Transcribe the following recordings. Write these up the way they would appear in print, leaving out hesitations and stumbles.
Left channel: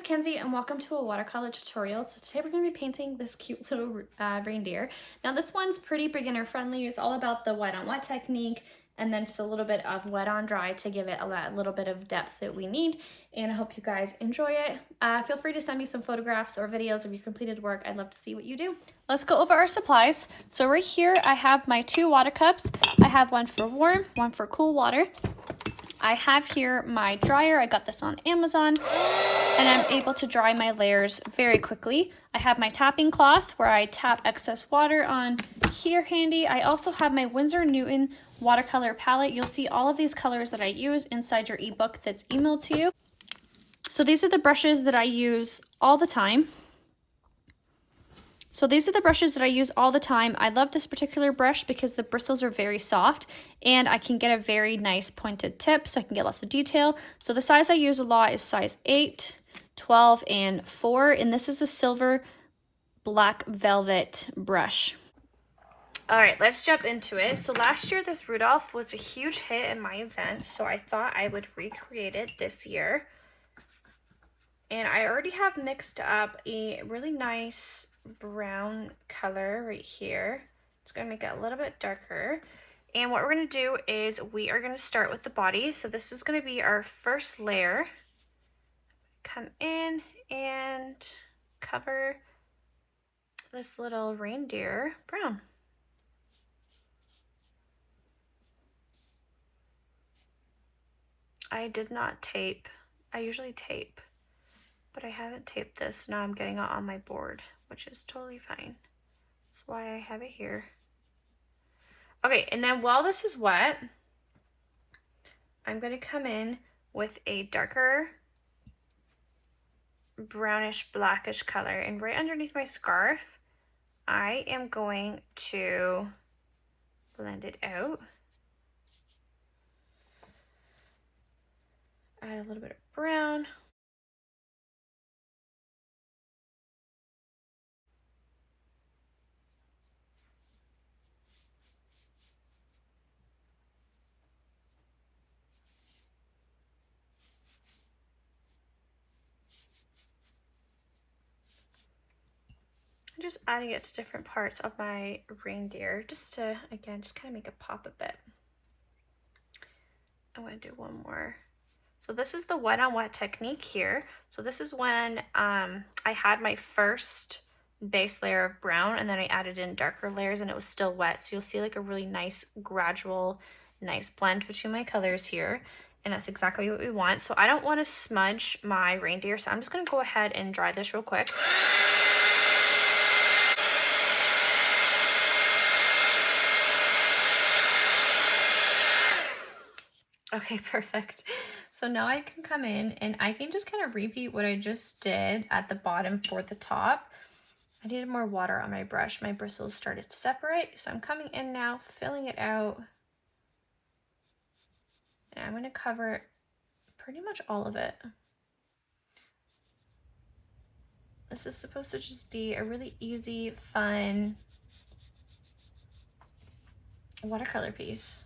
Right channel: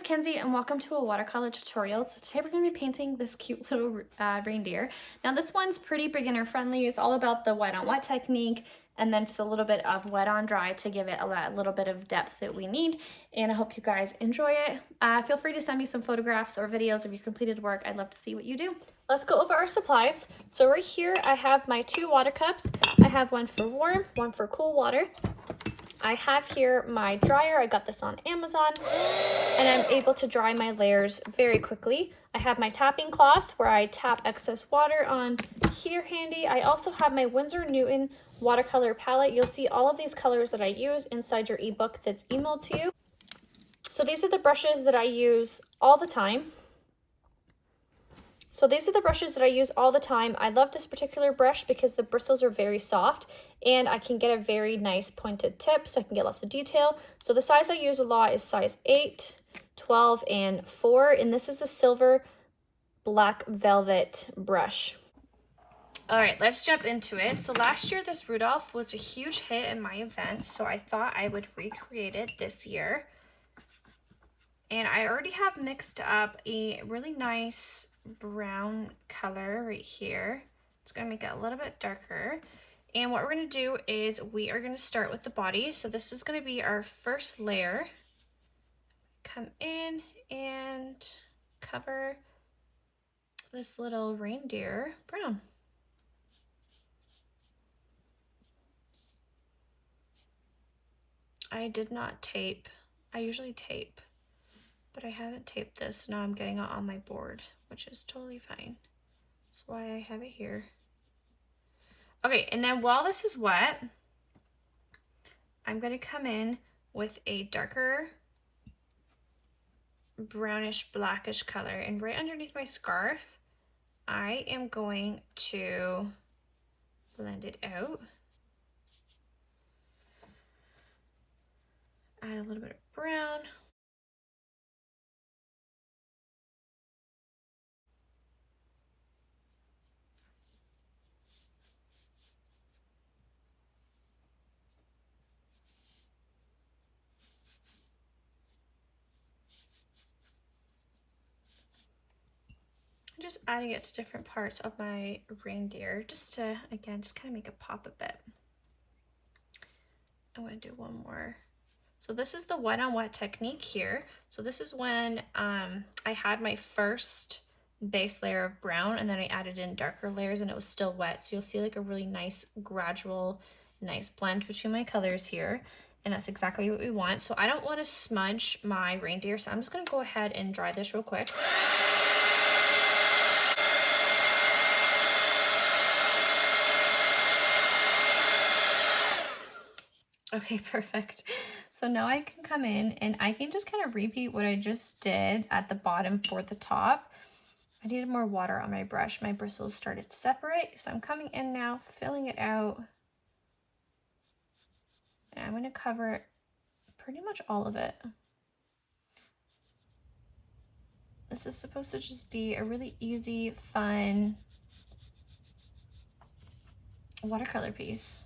is Kenzie and welcome to a watercolor tutorial. So today we're going to be painting this cute little reindeer. Now this one's pretty beginner friendly. It's all about the wet on wet technique and then just a little bit of wet on dry to give it a little bit of depth that we need. And I hope you guys enjoy it. Feel free to send me some photographs or videos of your completed work. I'd love to see what you do. Let's go over our supplies. So right here I have my 2 water cups. I have one for warm, one for cool water. I have here my dryer. I got this on Amazon and I'm able to dry my layers very quickly. I have my tapping cloth where I tap excess water on here handy. I also have my Winsor Newton watercolor palette. You'll see all of these colors that I use inside your ebook that's emailed to you. So these are the brushes that I use all the time. I love this particular brush because the bristles are very soft and I can get a very nice pointed tip so I can get lots of detail. So the size I use a lot is size 8, 12, and 4, and this is a silver black velvet brush. All right, let's jump into it. So last year this Rudolph was a huge hit in my event, so I thought I would recreate it this year. And I already have mixed up a really nice brown color right here. It's going to make it a little bit darker. And what we're going to do is we are going to start with the body. So this is going to be our first layer. Come in and cover this little reindeer brown. I did not tape. I usually tape, but I haven't taped this. Now I'm getting it on my board, which is totally fine. That's why I have it here. Okay, and then while this is wet, I'm going to come in with a darker brownish blackish color, and right underneath my scarf, I am going to blend it out. Add a little bit of brown. Just adding it to different parts of my reindeer just to, again, just kind of make it pop a bit. I'm going to do one more. So this is the wet on wet technique here. So this is when I had my first base layer of brown and then I added in darker layers and it was still wet. So you'll see like a really nice gradual, nice blend between my colors here. And that's exactly what we want. So I don't want to smudge my reindeer. So I'm just going to go ahead and dry this real quick. Okay, perfect. So now I can come in and I can just kind of repeat what I just did at the bottom for the top. I needed more water on my brush. My bristles started to separate. So I'm coming in now, filling it out. And I'm going to cover pretty much all of it. This is supposed to just be a really easy, fun watercolor piece.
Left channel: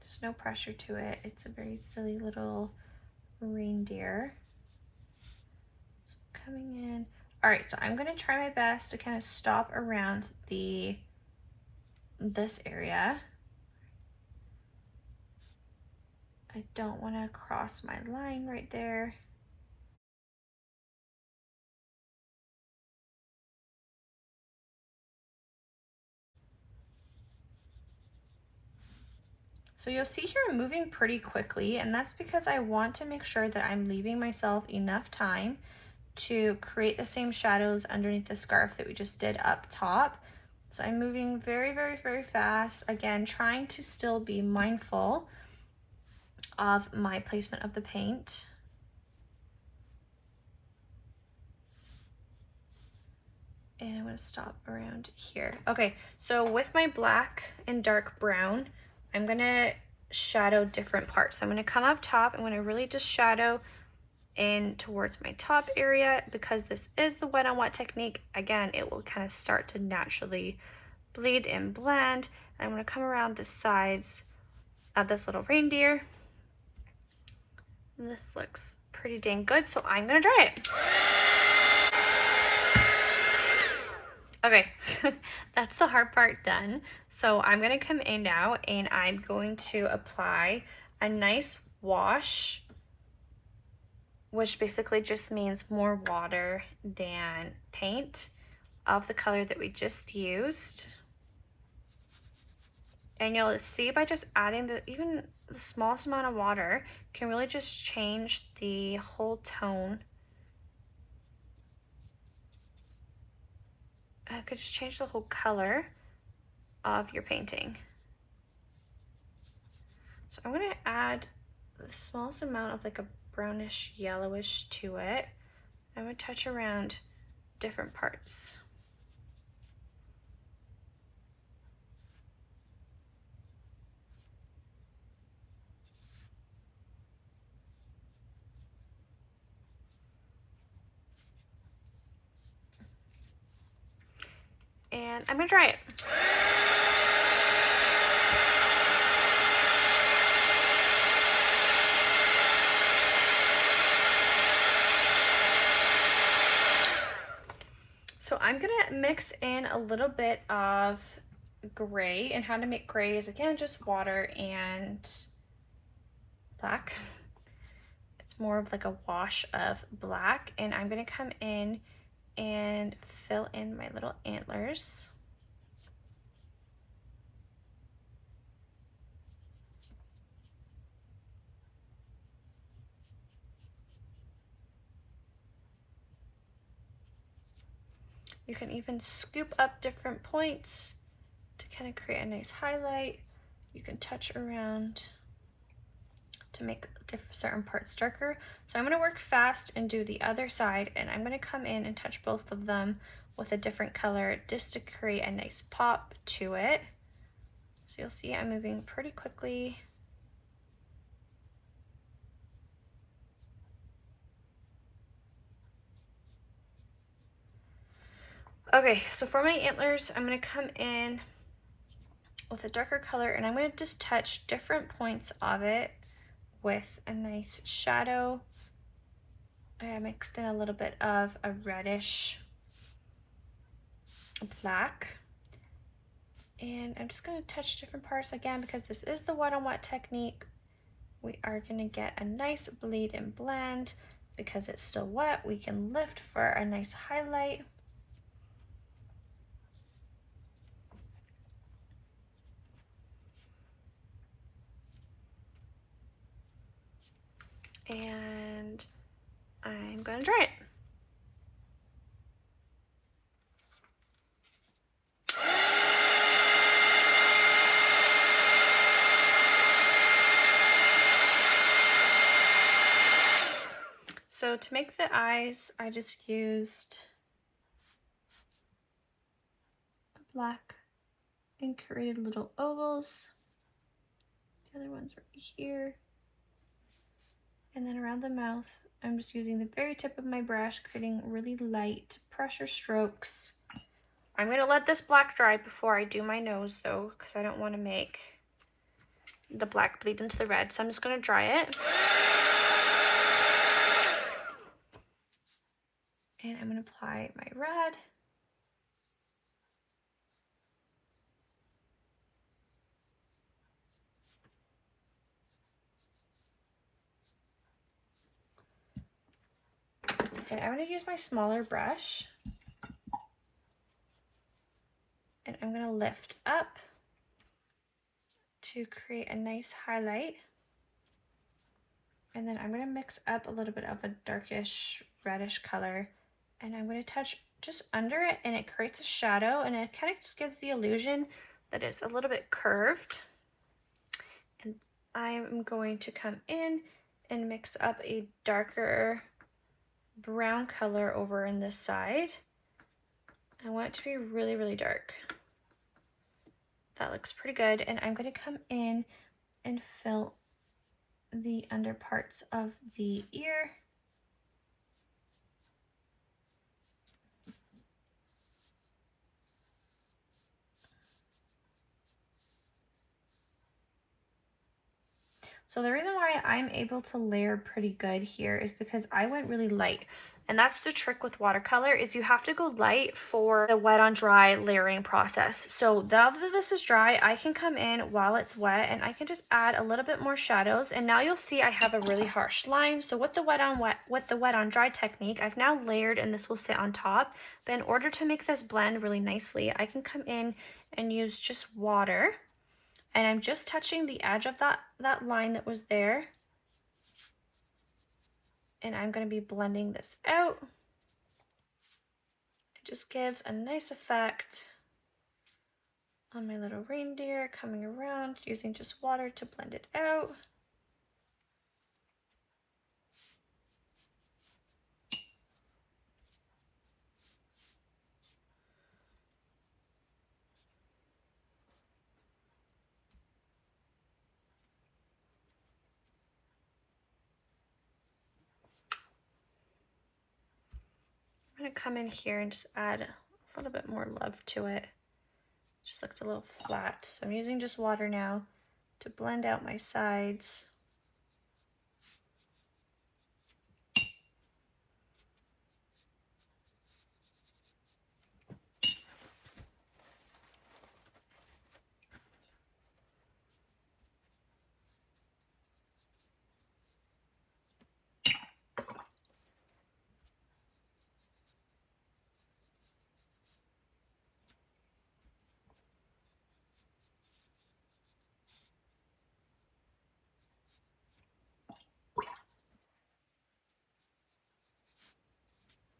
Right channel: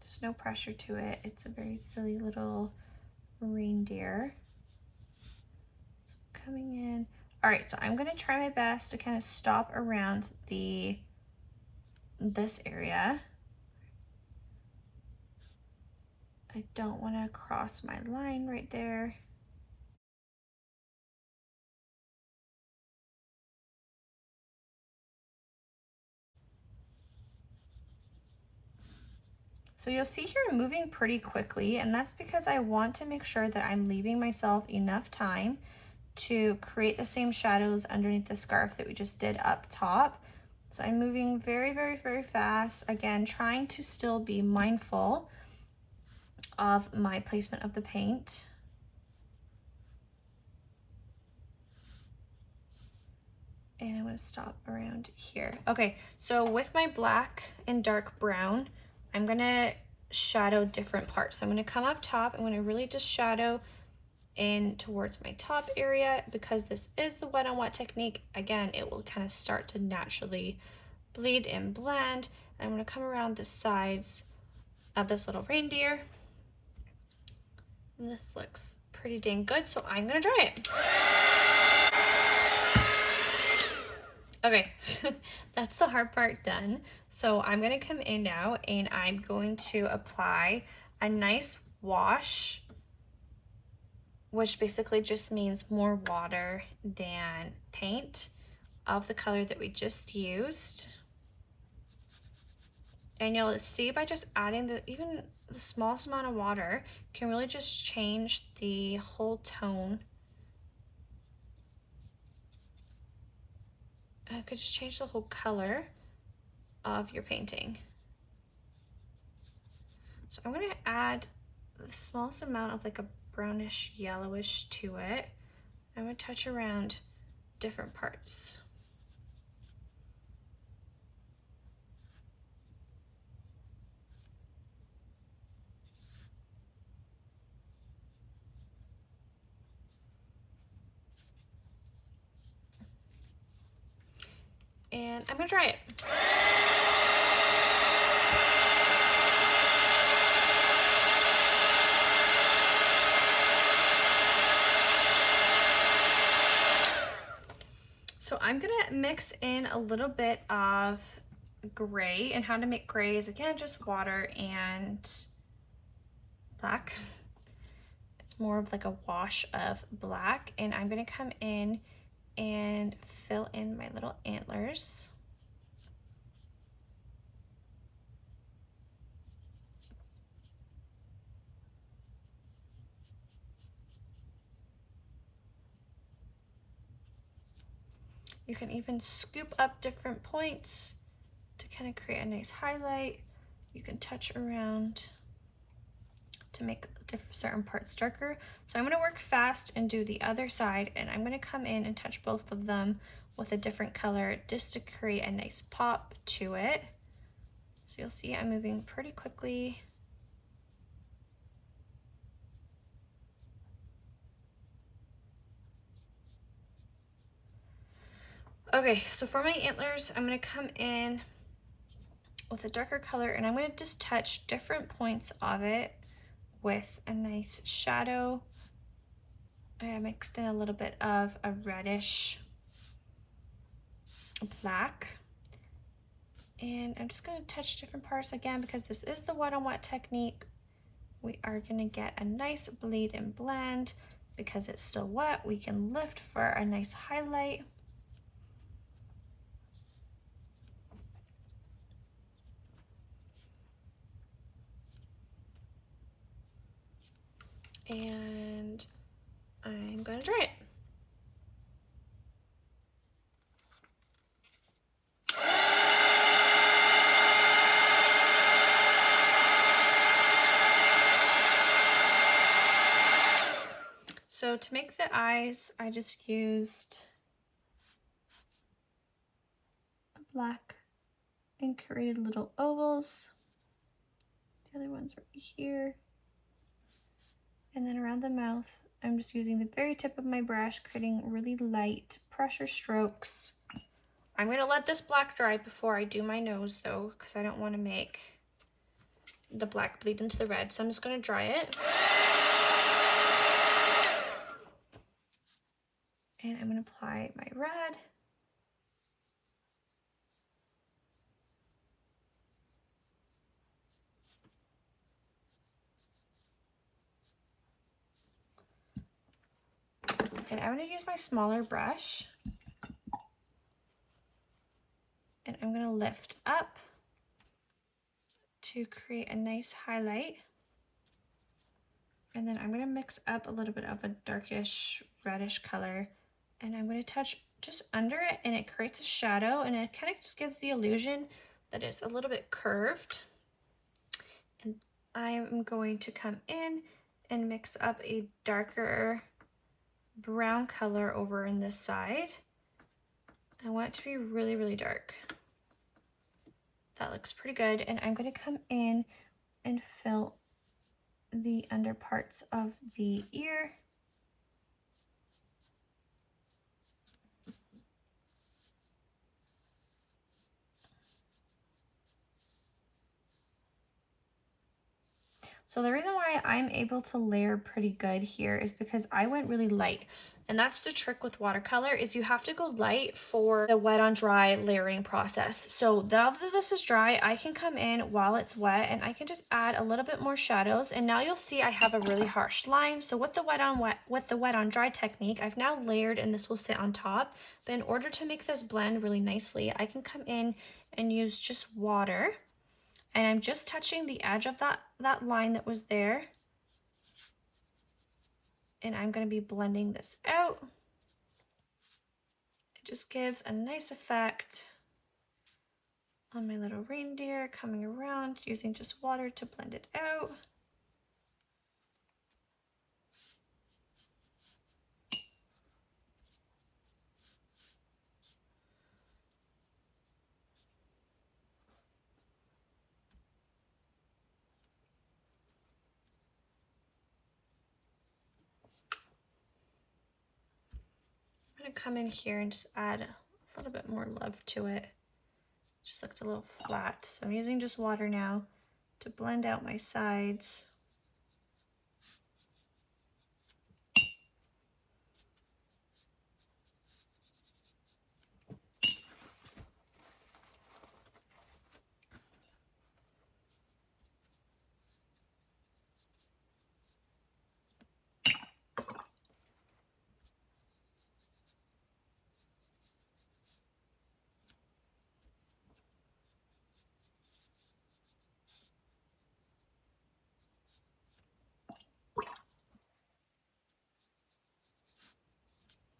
There's no pressure to it. It's a very silly little reindeer. So coming in. All right, so I'm gonna try my best to kind of stop around this area. I don't want to cross my line right there. So you'll see here I'm moving pretty quickly, and that's because I want to make sure that I'm leaving myself enough time to create the same shadows underneath the scarf that we just did up top. So I'm moving very, very, very fast. Again, trying to still be mindful of my placement of the paint. And I'm going to stop around here. Okay, so with my black and dark brown, I'm going to shadow different parts. So I'm going to come up top. I'm going to really just shadow in towards my top area. Because this is the wet on wet technique, again, it will kind of start to naturally bleed and blend. I'm going to come around the sides of this little reindeer. And this looks pretty dang good, so I'm going to dry it. Okay, that's the hard part done. So I'm going to come in now and I'm going to apply a nice wash, which basically just means more water than paint, of the color that we just used. And you'll see by just adding even the smallest amount of water can really just change the whole tone. It could just change the whole color of your painting. So I'm going to add the smallest amount of like a brownish yellowish to it. I'm going to touch around different parts. And I'm going to dry it. So I'm gonna mix in a little bit of gray, and how to make gray is again just water and black. It's more of like a wash of black, and I'm gonna come in and fill in my little antlers. You can even scoop up different points to kind of create a nice highlight. You can touch around to make certain parts darker. So I'm going to work fast and do the other side, and I'm going to come in and touch both of them with a different color just to create a nice pop to it. So you'll see I'm moving pretty quickly. Okay, so for my antlers, I'm going to come in with a darker color, and I'm going to just touch different points of it with a nice shadow. I mixed in a little bit of a reddish black, and I'm just going to touch different parts again because this is the wet on wet technique. We are going to get a nice bleed and blend. Because it's still wet, we can lift for a nice highlight. And I'm going to dry it. So to make the eyes, I just used a black and created little ovals. The other ones right here. And then around the mouth, I'm just using the very tip of my brush, creating really light pressure strokes. I'm going to let this black dry before I do my nose though, because I don't want to make the black bleed into the red. So I'm just going to dry it. And I'm going to apply my red. And I'm going to use my smaller brush. And I'm going to lift up to create a nice highlight. And then I'm going to mix up a little bit of a darkish reddish color. And I'm going to touch just under it, and it creates a shadow, and it kind of just gives the illusion that it's a little bit curved. And I'm going to come in and mix up a darker brown color over in this side. I want it to be really, really dark. That looks pretty good. And I'm going to come in and fill the under parts of the ear So the reason why I'm able to layer pretty good here is because I went really light. And that's the trick with watercolor, is you have to go light for the wet on dry layering process. So now that this is dry, I can come in while it's wet and I can just add a little bit more shadows. And now you'll see I have a really harsh line. So with the wet on dry technique, I've now layered and this will sit on top. But in order to make this blend really nicely, I can come in and use just water. And I'm just touching the edge of that line that was there. And I'm going to be blending this out. It just gives a nice effect on my little reindeer, coming around, using just water to blend it out. I'm going to come in here and just add a little bit more love to it. Just looked a little flat. So I'm using just water now to blend out my sides.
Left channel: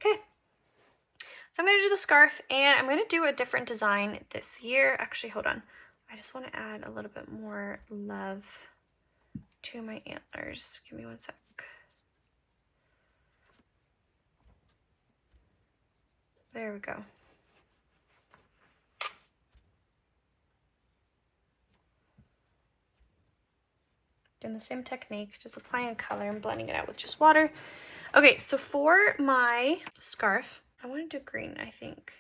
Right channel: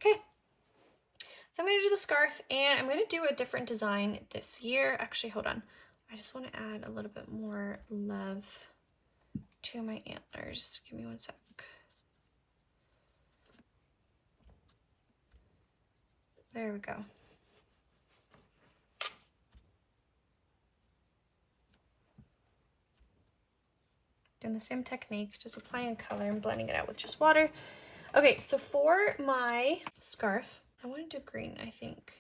Okay. So I'm going to do the scarf and I'm going to do a different design this year. Actually, hold on. I just want to add a little bit more love to my antlers. Give me one sec. There we go. Doing the same technique, just applying color and blending it out with just water. Okay, so for my scarf, I want to do green, I think.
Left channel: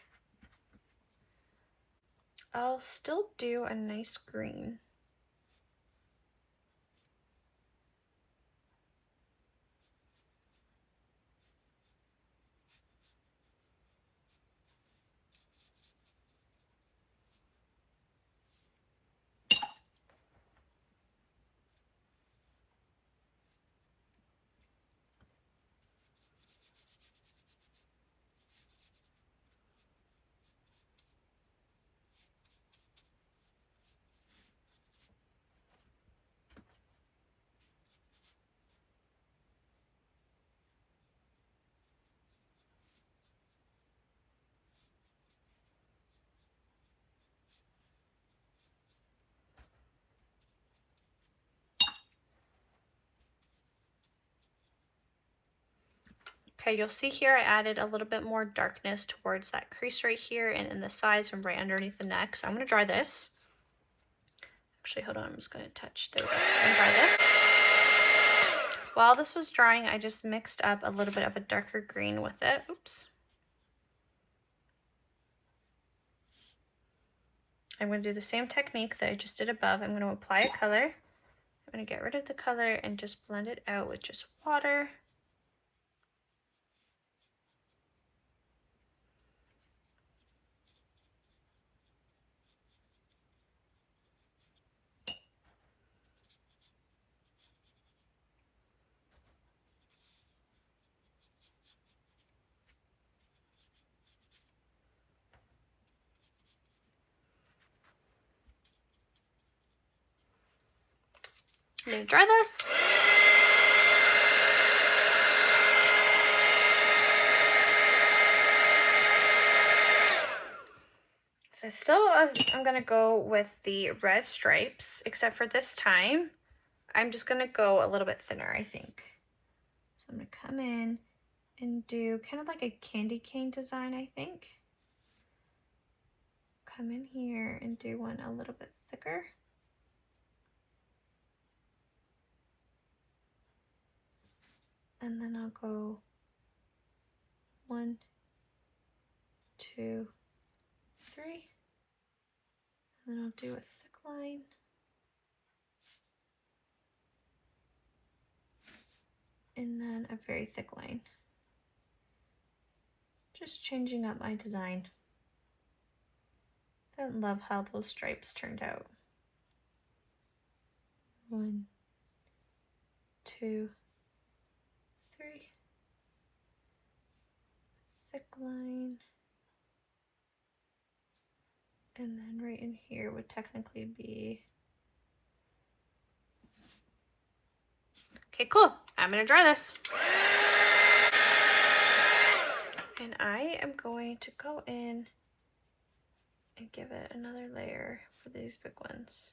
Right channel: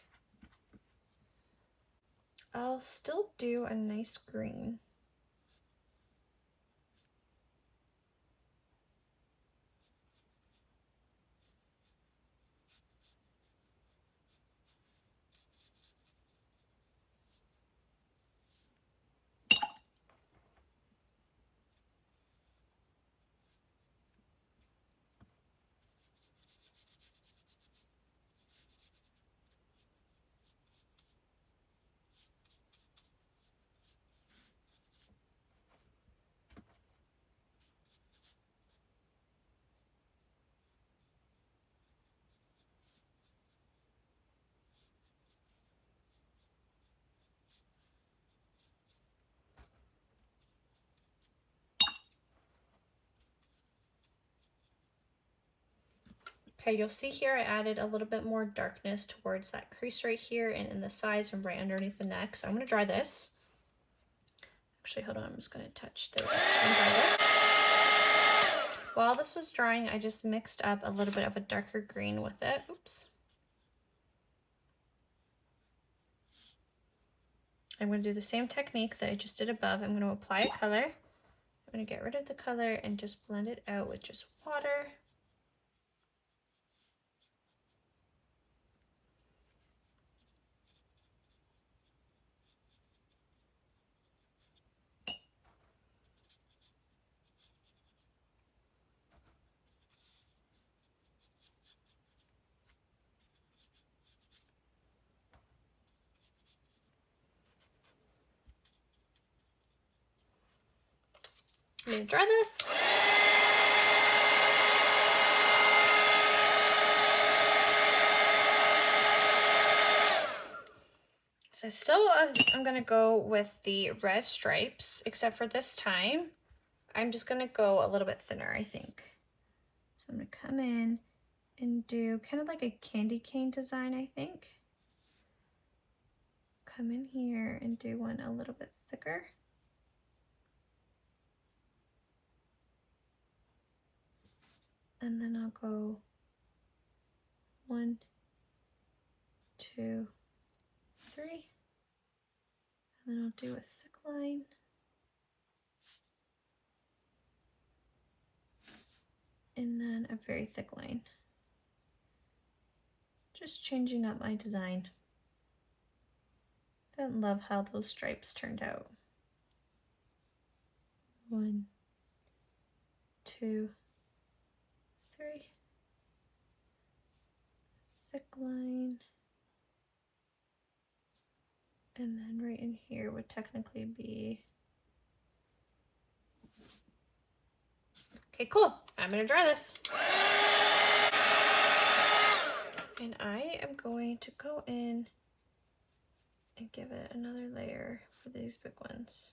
I'll still do a nice green. Okay, you'll see here I added a little bit more darkness towards that crease right here and in the sides and right underneath the neck. So I'm going to dry this. Actually, hold on, I'm just going to touch there and dry this. While this was drying, I just mixed up a little bit of a darker green with it. Oops. I'm going to do the same technique that I just did above. I'm going to apply a color. I'm going to get rid of the color and just blend it out with just water. I'm going to dry this. So still, I'm going to go with the red stripes, except for this time, I'm just going to go a little bit thinner, I think. So I'm going to come in and do kind of like a candy cane design, I think. Come in here and do one a little bit thicker. And then I'll go 1, 2, 3. And then I'll do a thick line. and then a very thick line. Just changing up my design. I love how those stripes turned out. 1, 2, 3. Thick line. And then right in here would technically be... Okay, cool. I'm gonna dry this. And I am going to go in and give it another layer for these big ones.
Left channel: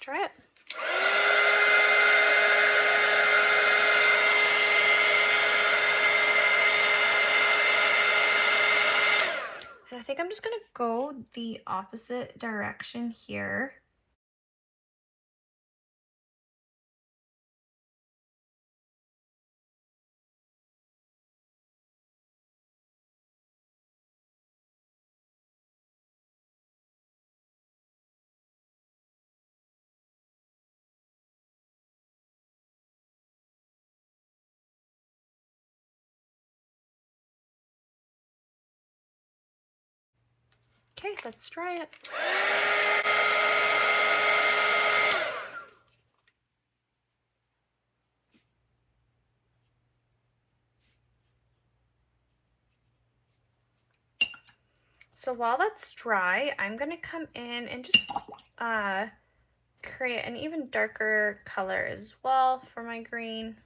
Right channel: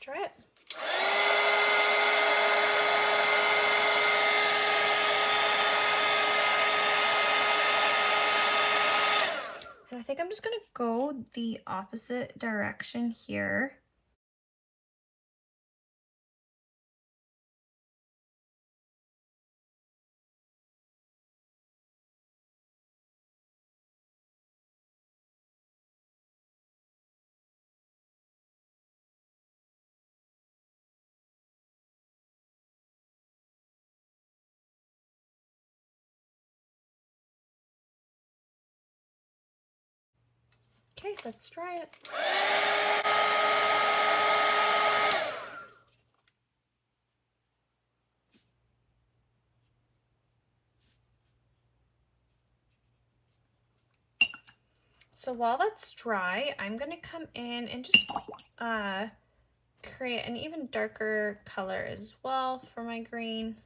Try it. And I think I'm just gonna go the opposite direction here. Okay, let's try it. So while that's dry, I'm gonna come in and just create an even darker color as well for my green.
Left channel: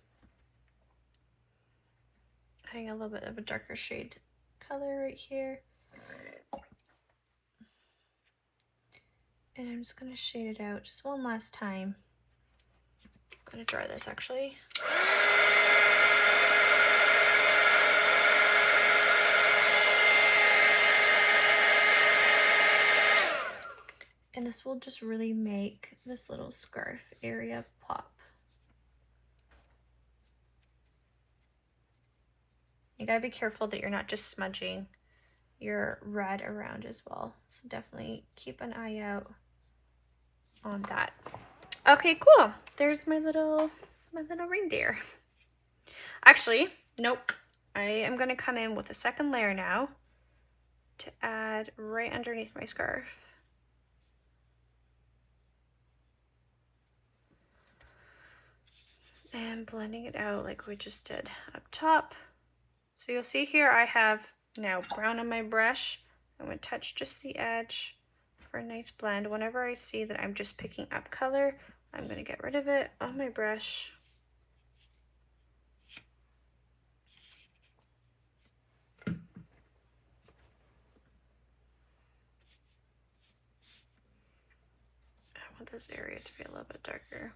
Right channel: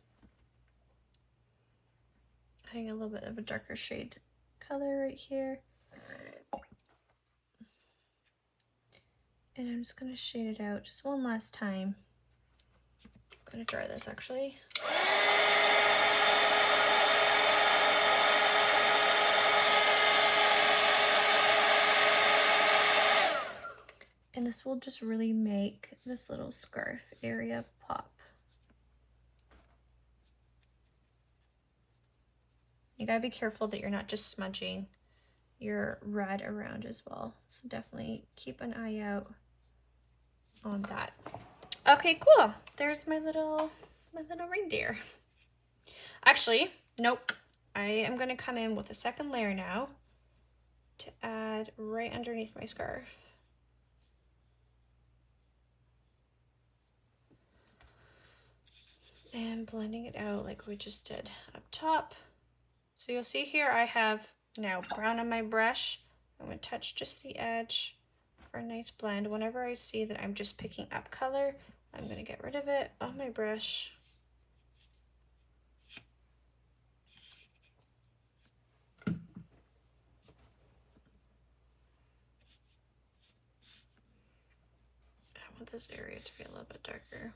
Adding a little bit of a darker shade color right here. And I'm just gonna shade it out just one last time. I'm gonna dry this actually. And this will just really make this little scarf area pop. You gotta be careful that you're not just smudging your red around as well. So definitely keep an eye out on that. Okay, cool. There's my little reindeer. Actually, nope. I am gonna come in with a second layer now to add right underneath my scarf. And blending it out like we just did up top. So you'll see here I have now brown on my brush. I'm going to touch just the edge for a nice blend. Whenever I see that I'm just picking up color, I'm going to get rid of it on my brush. I want this area to be a little bit darker.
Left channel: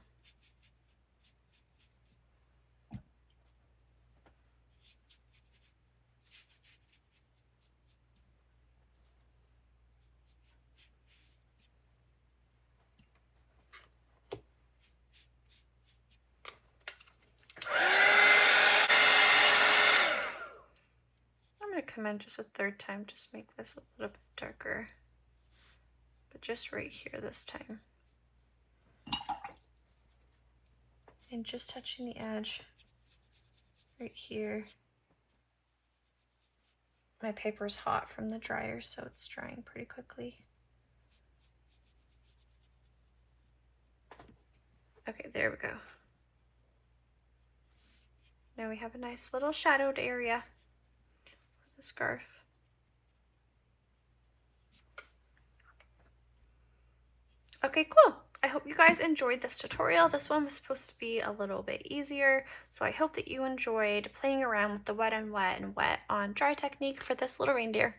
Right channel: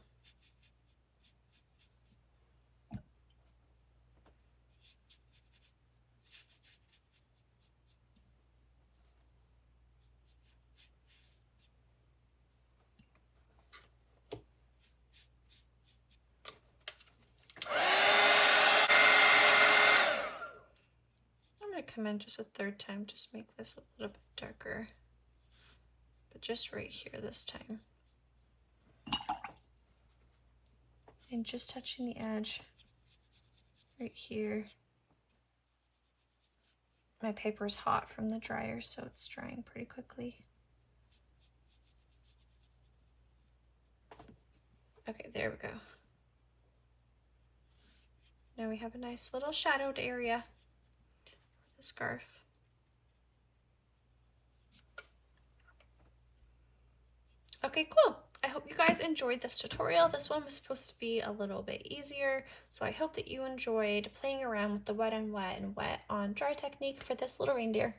Come in just a third time, just make this a little bit darker, but just right here this time, and just touching the edge right here. My paper's hot from the dryer, so it's drying pretty quickly. Okay, there we go. Now we have a nice little shadowed area. Scarf. Okay, cool. I hope you guys enjoyed this tutorial. This one was supposed to be a little bit easier, so I hope that you enjoyed playing around with the wet on wet and wet on dry technique for this little reindeer.